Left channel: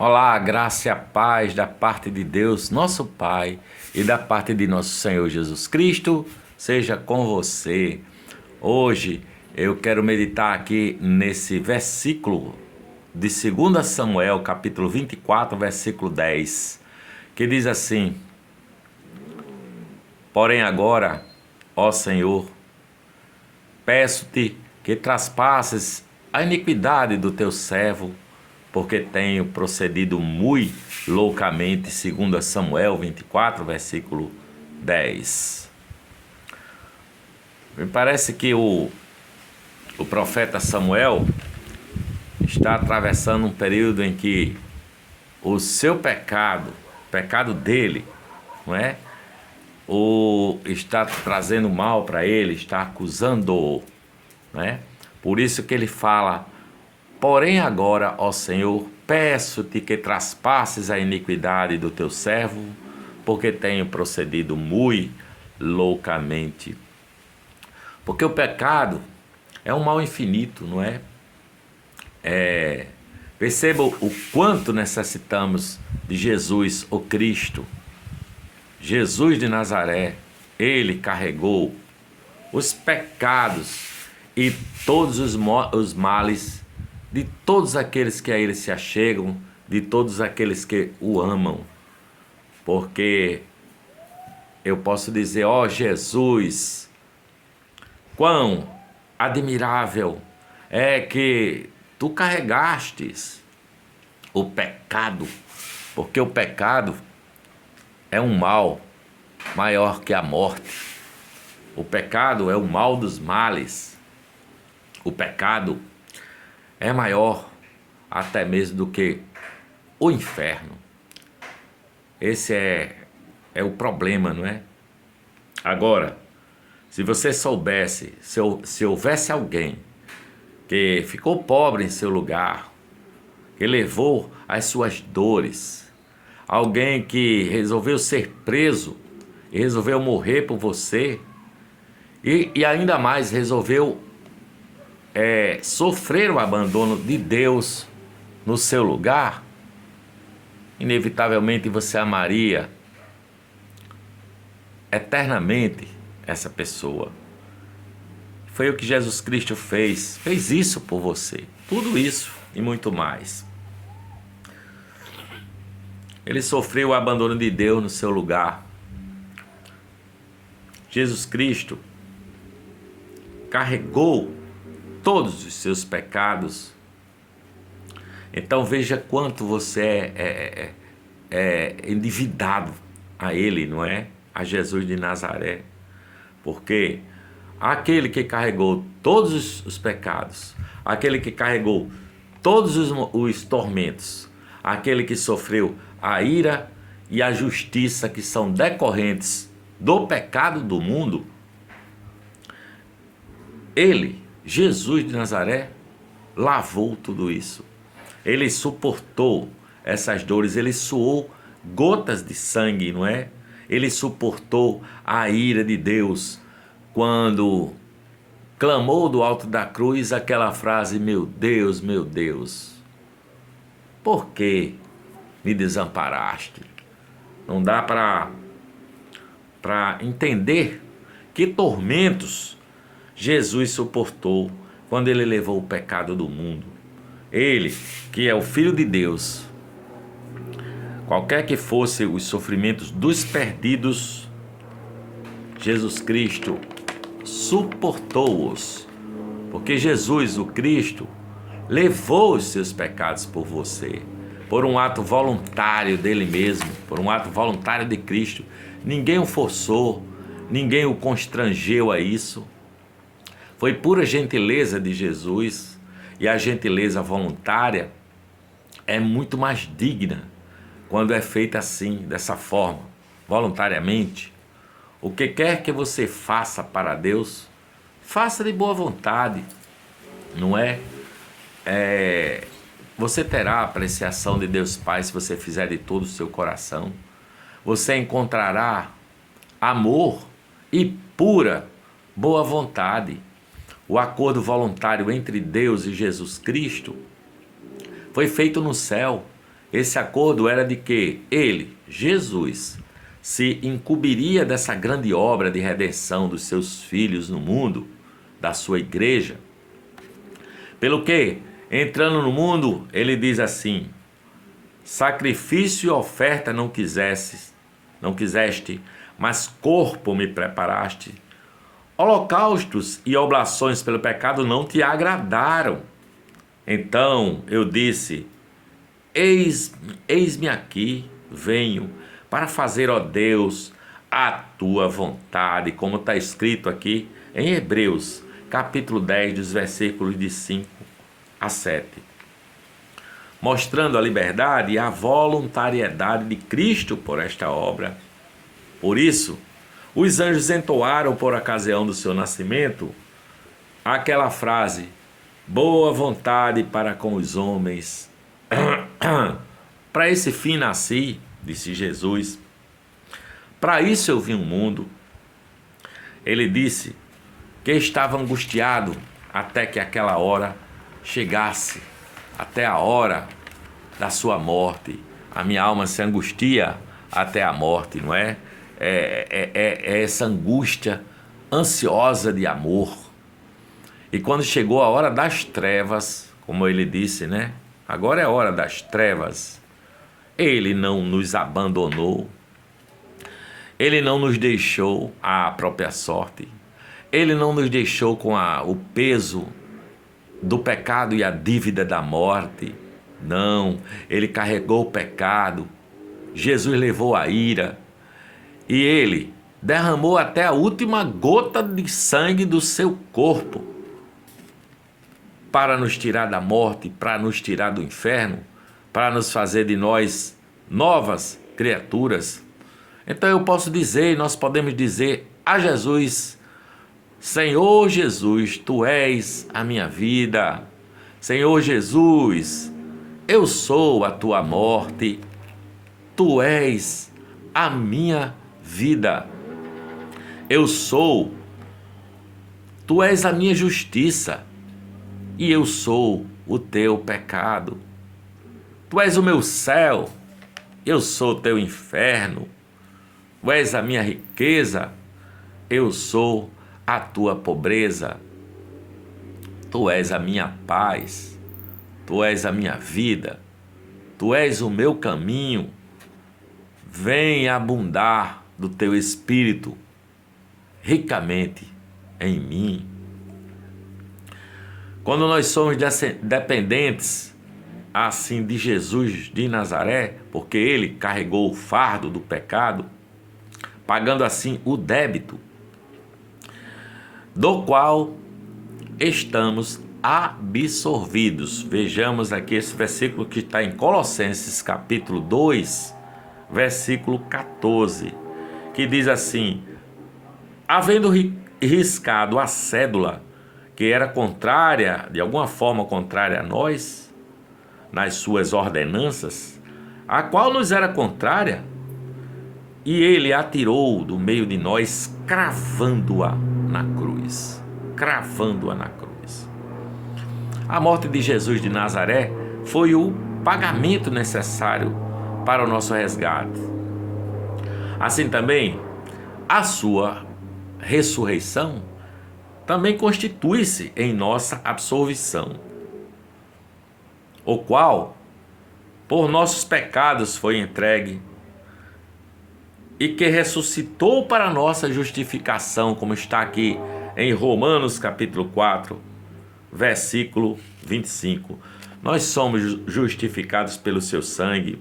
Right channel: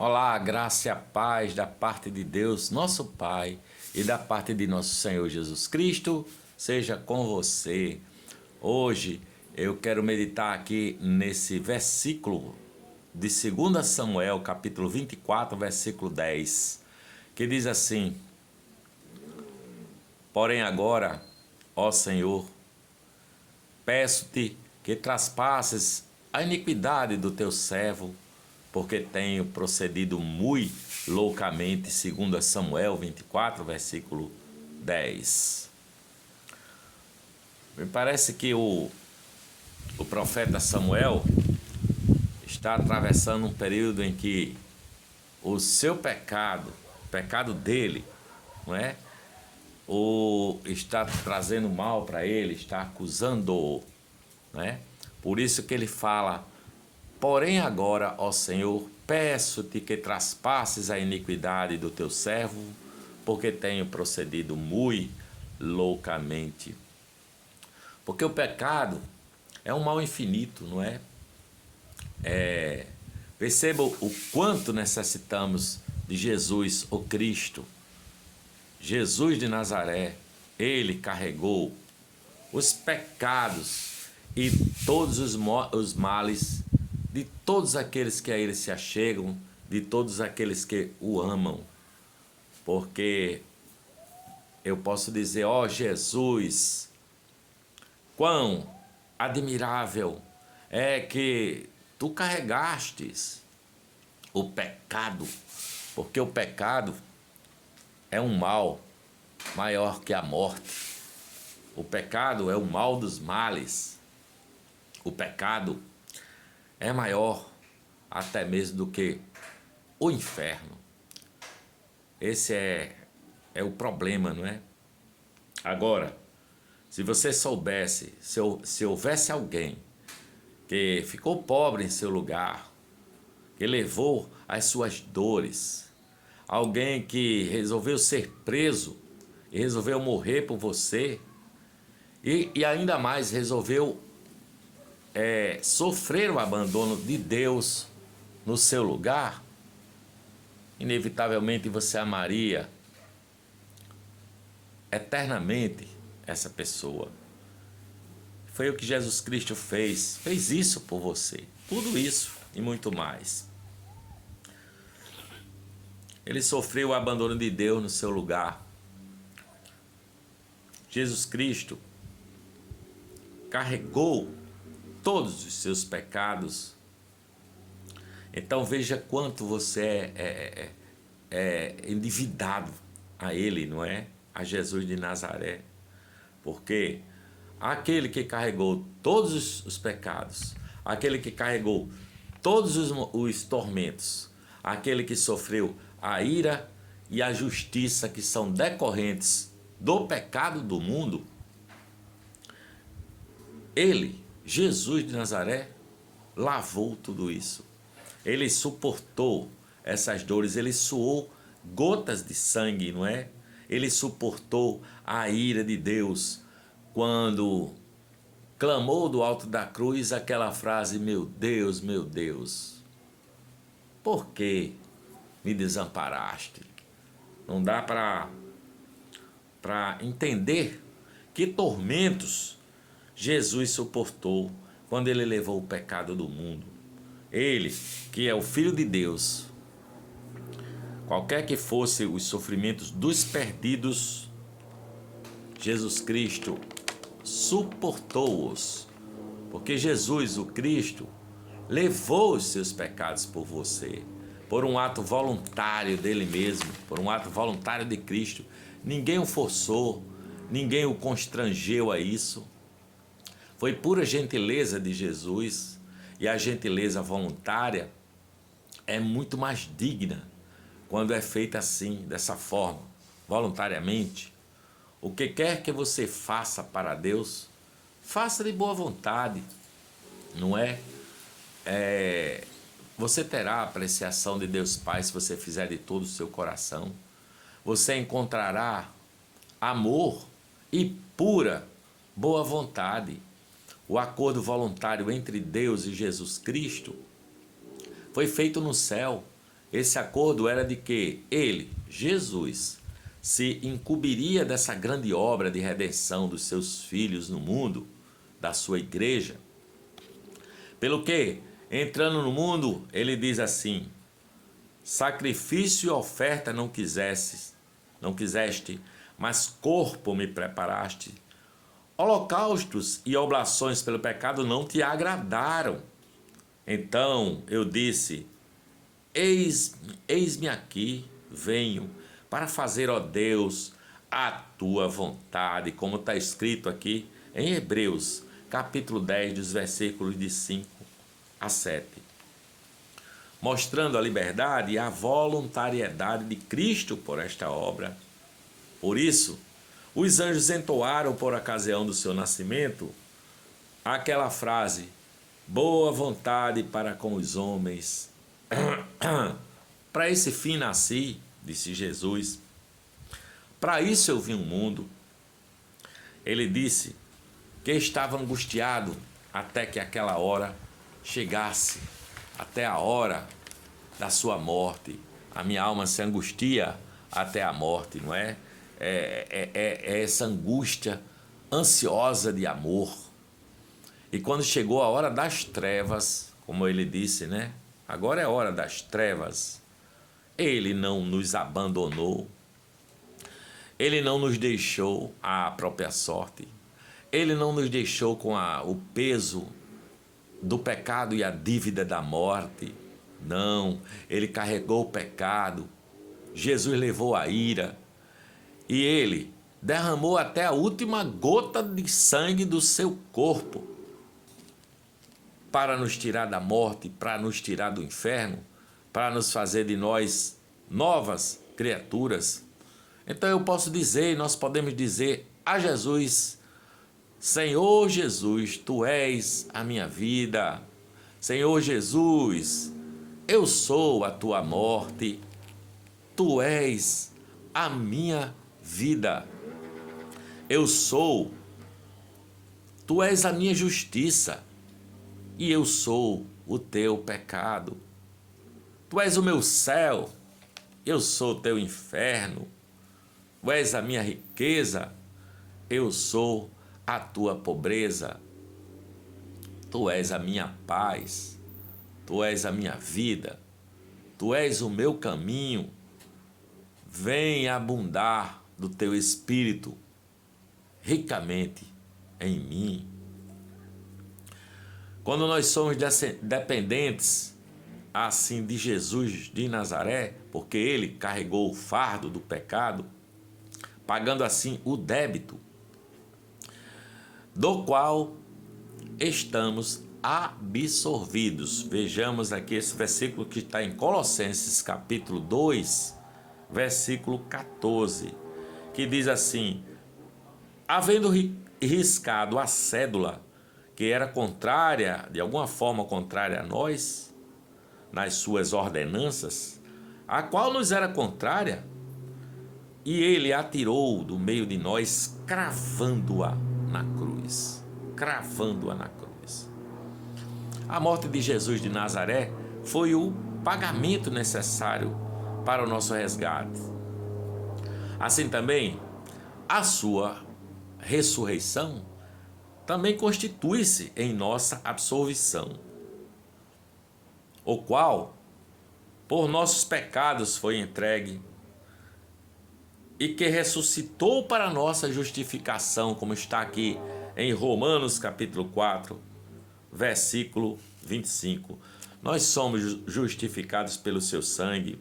Olá, graça e a paz da parte de Deus, nosso Pai, e da parte de nosso Senhor Jesus Cristo, seja com você. Hoje eu quero meditar aqui nesse versículo de 2 Samuel, capítulo 24, versículo 10, que diz assim: Porém agora, ó Senhor, peço-te que traspasses a iniquidade do teu servo, porque tenho procedido muito loucamente, segundo Samuel 24, versículo 10. Me parece que o profeta Samuel está atravessando um período em que o seu pecado, o pecado dele, não é? Ou está trazendo mal para ele, está acusando-o, né? Por isso que ele fala: porém agora, ó Senhor, peço-te que traspasses a iniquidade do teu servo, porque tenho procedido muito loucamente. Porque o pecado é um mal infinito, não é? Perceba o quanto necessitamos de Jesus, o Cristo. Jesus de Nazaré, ele carregou os pecados e todos os males de todos aqueles que a ele se achegam, de todos aqueles que o amam. Porque eu posso dizer: ó Jesus, quão admirável é que tu carregastes o pecado, porque o pecado é um mal maior que a morte. O pecado é o mal dos males. O pecado é maior até mesmo do que o inferno. Esse é o problema, não é? Agora, se você soubesse, se houvesse alguém que ficou pobre em seu lugar, que levou as suas dores, alguém que resolveu ser preso e resolveu morrer por você, e ainda mais resolveu sofrer o abandono de Deus no seu lugar, inevitavelmente você amaria eternamente essa pessoa. Foi o que Jesus Cristo fez isso por você, tudo isso e muito mais. Ele sofreu o abandono de Deus no seu lugar. Jesus Cristo carregou todos os seus pecados. Então veja quanto você é endividado a Ele, não é? A Jesus de Nazaré. Porque aquele que carregou todos os pecados, aquele que carregou todos os tormentos, aquele que sofreu a ira e a justiça que são decorrentes do pecado do mundo, ele, Jesus de Nazaré, lavou tudo isso. Ele suportou essas dores, ele suou gotas de sangue, não é? Ele suportou a ira de Deus quando clamou do alto da cruz aquela frase: meu Deus, por que me desamparaste? Não dá para entender que tormentos Jesus suportou quando ele levou o pecado do mundo. Ele, que é o Filho de Deus, qualquer que fosse os sofrimentos dos perdidos, Jesus Cristo suportou-os, porque Jesus, o Cristo, levou os seus pecados por você, por um ato voluntário dele mesmo, por um ato voluntário de Cristo. Ninguém o forçou, ninguém o constrangeu a isso. Foi pura gentileza de Jesus, e a gentileza voluntária é muito mais digna quando é feita assim, dessa forma, voluntariamente. O que quer que você faça para Deus, faça de boa vontade, não é? Você terá a apreciação de Deus Pai se você fizer de todo o seu coração. Você encontrará amor e pura boa vontade. O acordo voluntário entre Deus e Jesus Cristo foi feito no céu, Esse acordo era de que ele, Jesus, se incumbiria dessa grande obra de redenção dos seus filhos no mundo, da sua igreja. Pelo que, entrando no mundo, ele diz assim: sacrifício e oferta não quiseste, mas corpo me preparaste. Holocaustos e oblações pelo pecado não te agradaram. Então eu disse: eis-me aqui, venho para fazer, ó Deus, a tua vontade, como está escrito aqui em Hebreus, capítulo 10, dos versículos de 5 a 7. Mostrando a liberdade e a voluntariedade de Cristo por esta obra. Por isso, os anjos entoaram por ocasião do seu nascimento aquela frase: boa vontade para com os homens. Para esse fim nasci, disse Jesus. Para isso eu vim ao mundo. Ele disse que estava angustiado até que aquela hora chegasse, até a hora da sua morte. A minha alma se angustia até a morte, não é? É essa angústia ansiosa de amor. E quando chegou a hora das trevas, como ele disse, né? Agora é a hora das trevas. Ele não nos abandonou. Ele não nos deixou à própria sorte. Ele não nos deixou com o peso do pecado e a dívida da morte. Não, ele carregou o pecado. Jesus levou a ira. E ele derramou até a última gota de sangue do seu corpo para nos tirar da morte, para nos tirar do inferno, para nos fazer de nós novas criaturas. Então eu posso dizer, nós podemos dizer a Jesus: Senhor Jesus, tu és a minha vida. Senhor Jesus, eu sou a tua morte. Tu és a minha vida. Eu sou. Tu és a minha justiça. E eu sou o teu pecado. Tu és o meu céu. Eu sou o teu inferno. Tu és a minha riqueza. Eu sou a tua pobreza. Tu és a minha paz. Tu és a minha vida. Tu és o meu caminho. Vem abundar do teu espírito ricamente em mim. Quando nós somos dependentes assim de Jesus de Nazaré, porque ele carregou o fardo do pecado, pagando assim o débito, do qual estamos absorvidos. Vejamos aqui esse versículo que está em Colossenses capítulo 2, versículo 14, que diz assim: havendo riscado a cédula que era contrária, de alguma forma contrária a nós, nas suas ordenanças, a qual nos era contrária, e ele a tirou do meio de nós, cravando-a na cruz. Cravando-a na cruz. A morte de Jesus de Nazaré foi o pagamento necessário para o nosso resgate. Assim também, a sua ressurreição também constitui-se em nossa absolvição, o qual, por nossos pecados foi entregue, e que ressuscitou para nossa justificação, como está aqui em Romanos capítulo 4, versículo 25. Nós somos justificados pelo seu sangue.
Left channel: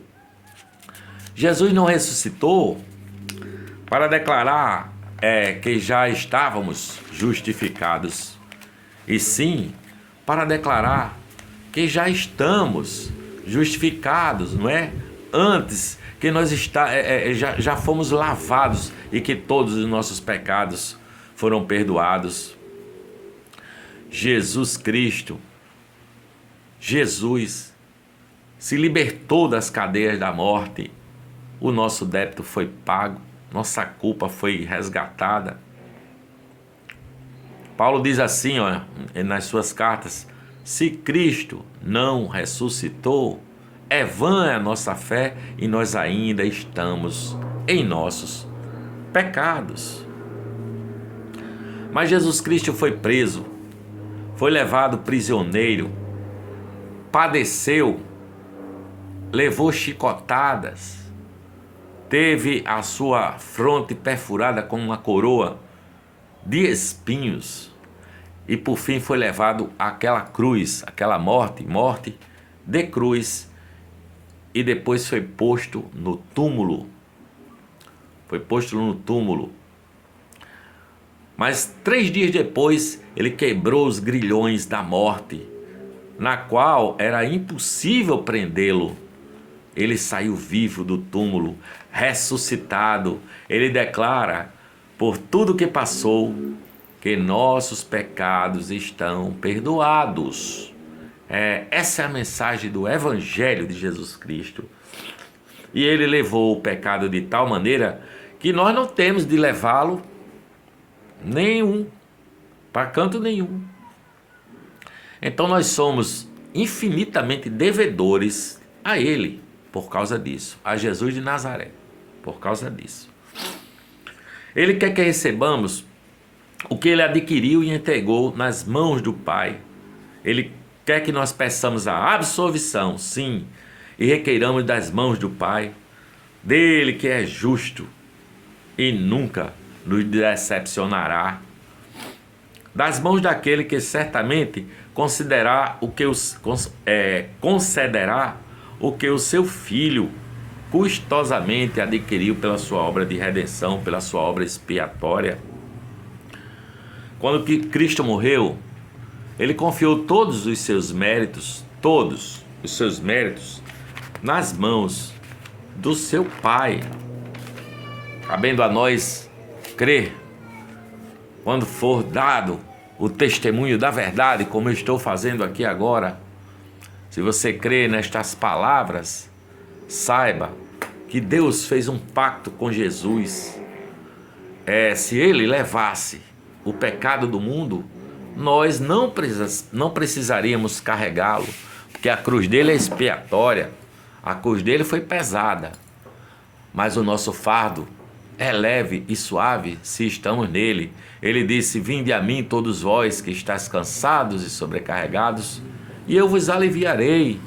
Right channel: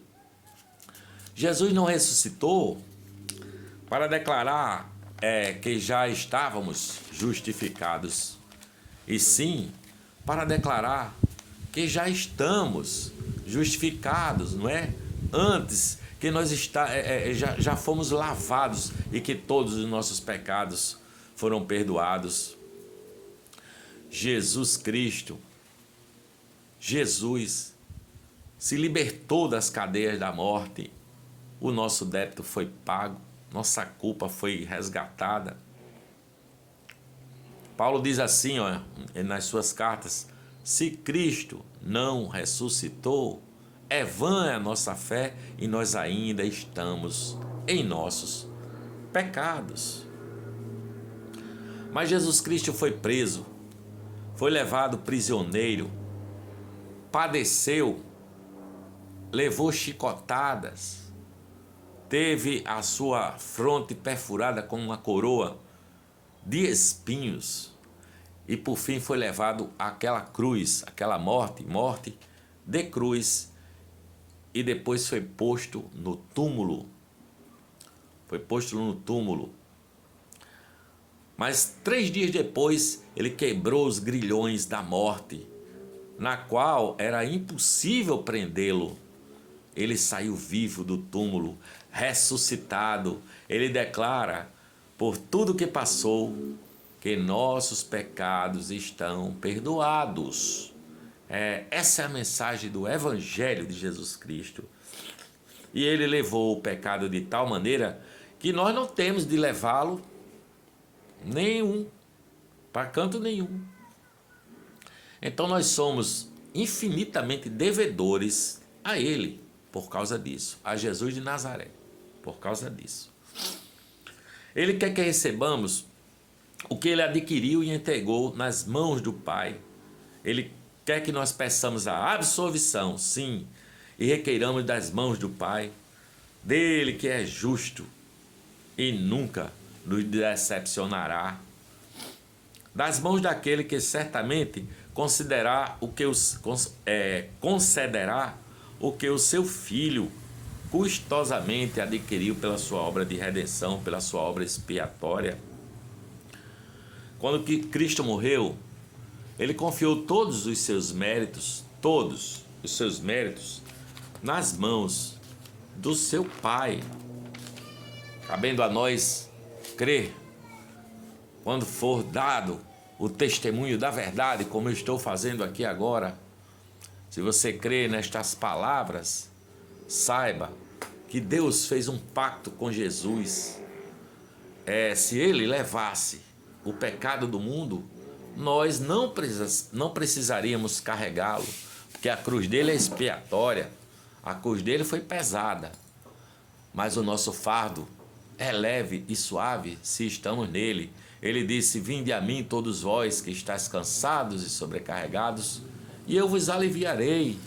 Jesus não ressuscitou para declarar que já estávamos justificados, e sim para declarar que já estamos justificados, não é? Antes que nós já fomos lavados e que todos os nossos pecados foram perdoados. Jesus Cristo, Jesus se libertou das cadeias da morte. O nosso débito foi pago, nossa culpa foi resgatada. Paulo diz assim, nas suas cartas: se Cristo não ressuscitou, é vã a nossa fé e nós ainda estamos em nossos pecados. Mas Jesus Cristo foi preso, foi levado prisioneiro, padeceu, levou chicotadas, teve a sua fronte perfurada com uma coroa de espinhos e por fim foi levado àquela cruz, aquela morte de cruz, e depois foi posto no túmulo. Foi posto no túmulo. Mas 3 dias depois ele quebrou os grilhões da morte, na qual era impossível prendê-lo. Ele saiu vivo do túmulo, ressuscitado. Ele declara, por tudo que passou, que nossos pecados estão perdoados. Essa é a mensagem do Evangelho de Jesus Cristo. E ele levou o pecado de tal maneira que nós não temos de levá-lo para canto nenhum. Então nós somos infinitamente devedores a Ele por causa disso, a Jesus de Nazaré, por causa disso. Ele quer que recebamos o que Ele adquiriu e entregou nas mãos do Pai. Ele quer que nós peçamos a absolvição, sim, e requeiramos das mãos do Pai, dele que é justo e nunca nos decepcionará, das mãos daquele que certamente concederá concederá o que o seu Filho custosamente adquiriu pela sua obra de redenção, pela sua obra expiatória. Quando Cristo morreu, ele confiou todos os seus méritos, nas mãos do seu Pai. Cabendo a nós crer, quando for dado o testemunho da verdade, como eu estou fazendo aqui agora. Se você crê nestas palavras, saiba que Deus fez um pacto com Jesus. Se Ele levasse o pecado do mundo, nós não precisaríamos carregá-lo, porque a cruz dele é expiatória, a cruz dele foi pesada, mas o nosso fardo é leve e suave se estamos nele. Ele disse: vinde a mim todos vós que estáis cansados e sobrecarregados, e eu vos aliviarei.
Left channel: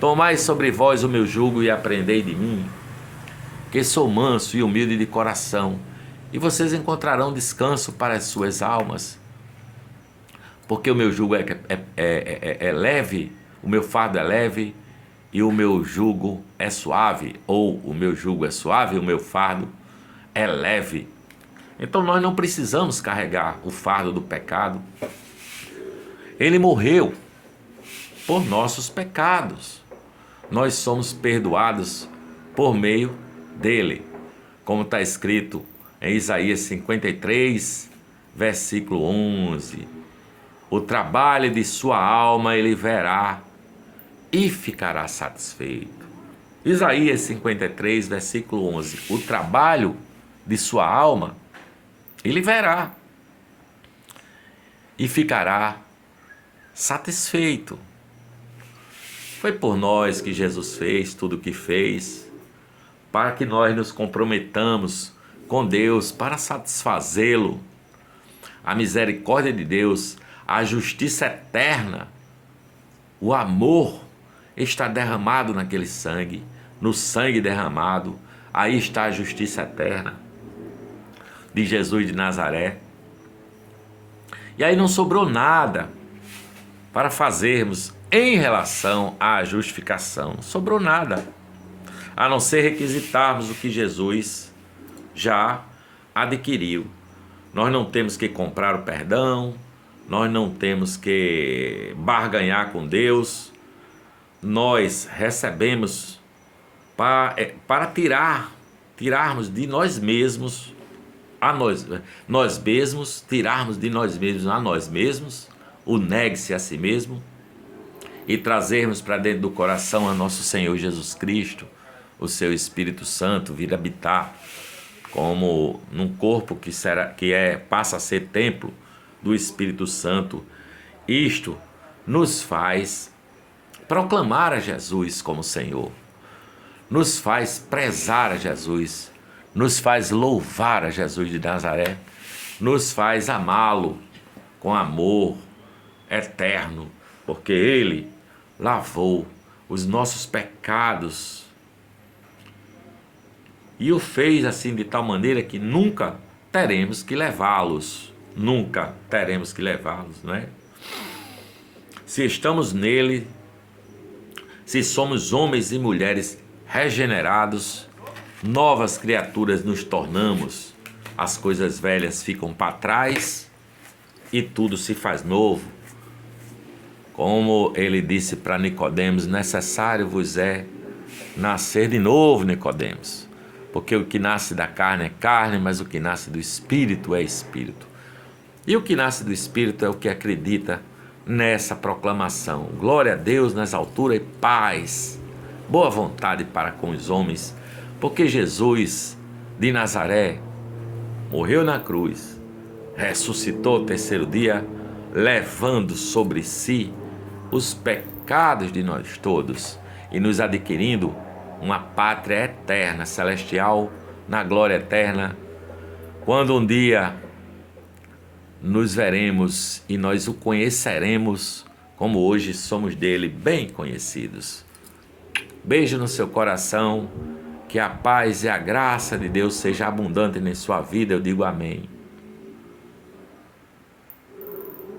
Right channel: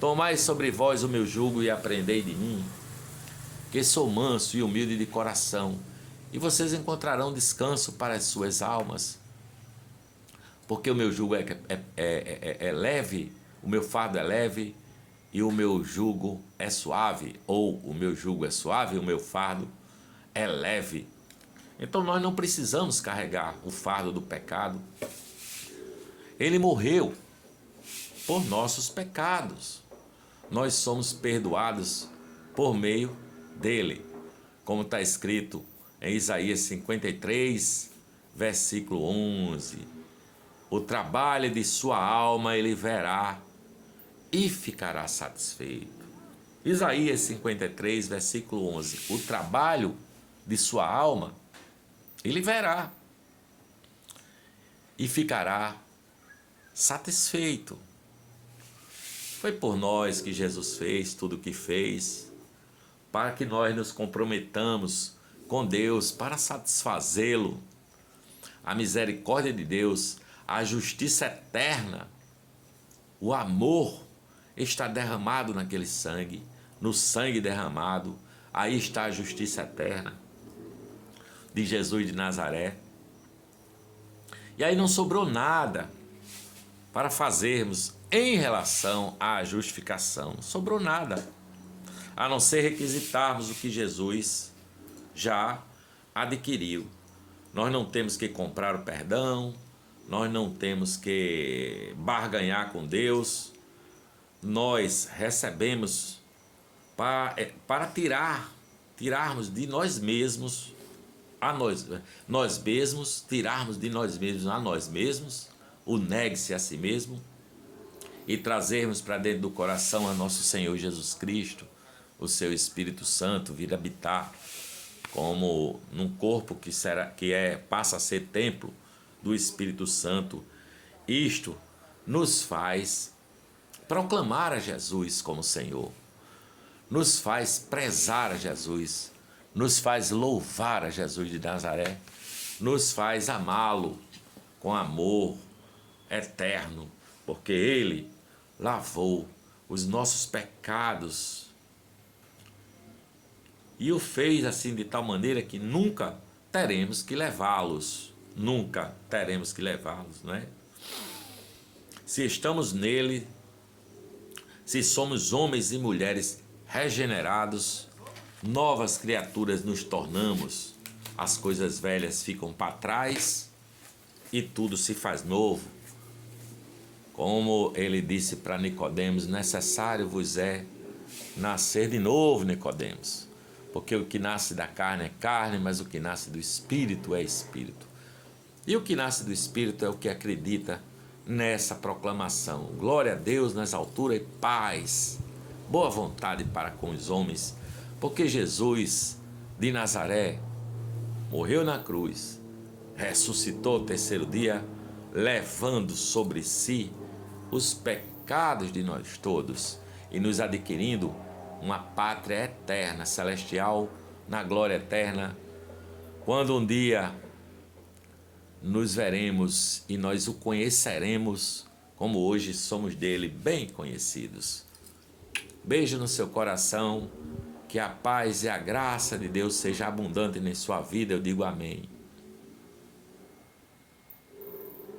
Tomai sobre vós o meu jugo e aprendei de mim, que sou manso e humilde de coração, e vocês encontrarão descanso para as suas almas. Porque o meu jugo é leve, o meu fardo é leve e o meu jugo é suave, ou o meu jugo é suave e o meu fardo é leve. Então nós não precisamos carregar o fardo do pecado. Ele morreu por nossos pecados. Nós somos perdoados por meio dele, como está escrito em Isaías 53, versículo 11. O trabalho de sua alma ele verá e ficará satisfeito. Isaías 53, versículo 11. O trabalho de sua alma ele verá e ficará satisfeito. Foi por nós que Jesus fez tudo o que fez, para que nós nos comprometamos com Deus para satisfazê-lo. A misericórdia de Deus, a justiça eterna, o amor está derramado naquele sangue, no sangue derramado, aí está a justiça eterna de Jesus de Nazaré. E aí não sobrou nada para fazermos em relação à justificação. Não sobrou nada, a não ser requisitarmos o que Jesus já adquiriu. Nós não temos que comprar o perdão, nós não temos que barganhar com Deus, nós recebemos para tirarmos de nós mesmos tirarmos de nós mesmos a nós mesmos, o negue-se a si mesmo, e trazermos para dentro do coração a nosso Senhor Jesus Cristo, o seu Espírito Santo, vir habitar como num corpo passa a ser templo do Espírito Santo. Isto nos faz proclamar a Jesus como Senhor, nos faz prezar a Jesus, nos faz louvar a Jesus de Nazaré, nos faz amá-lo com amor eterno, porque Ele lavou os nossos pecados e o fez assim de tal maneira que nunca teremos que levá-los, não é? Se estamos nele, se somos homens e mulheres regenerados, novas criaturas nos tornamos, as coisas velhas ficam para trás e tudo se faz novo. Como ele disse para Nicodemos, necessário vos é nascer de novo, Nicodemos, porque o que nasce da carne é carne, mas o que nasce do Espírito é Espírito. E o que nasce do Espírito é o que acredita nessa proclamação. Glória a Deus nas alturas e paz, boa vontade para com os homens, porque Jesus de Nazaré morreu na cruz, ressuscitou o terceiro dia, levando sobre si os pecados de nós todos e nos adquirindo uma pátria eterna, celestial, na glória eterna, quando um dia nos veremos e nós o conheceremos como hoje somos dele bem conhecidos. Beijo no seu coração, que a paz e a graça de Deus seja abundante em sua vida, eu digo amém.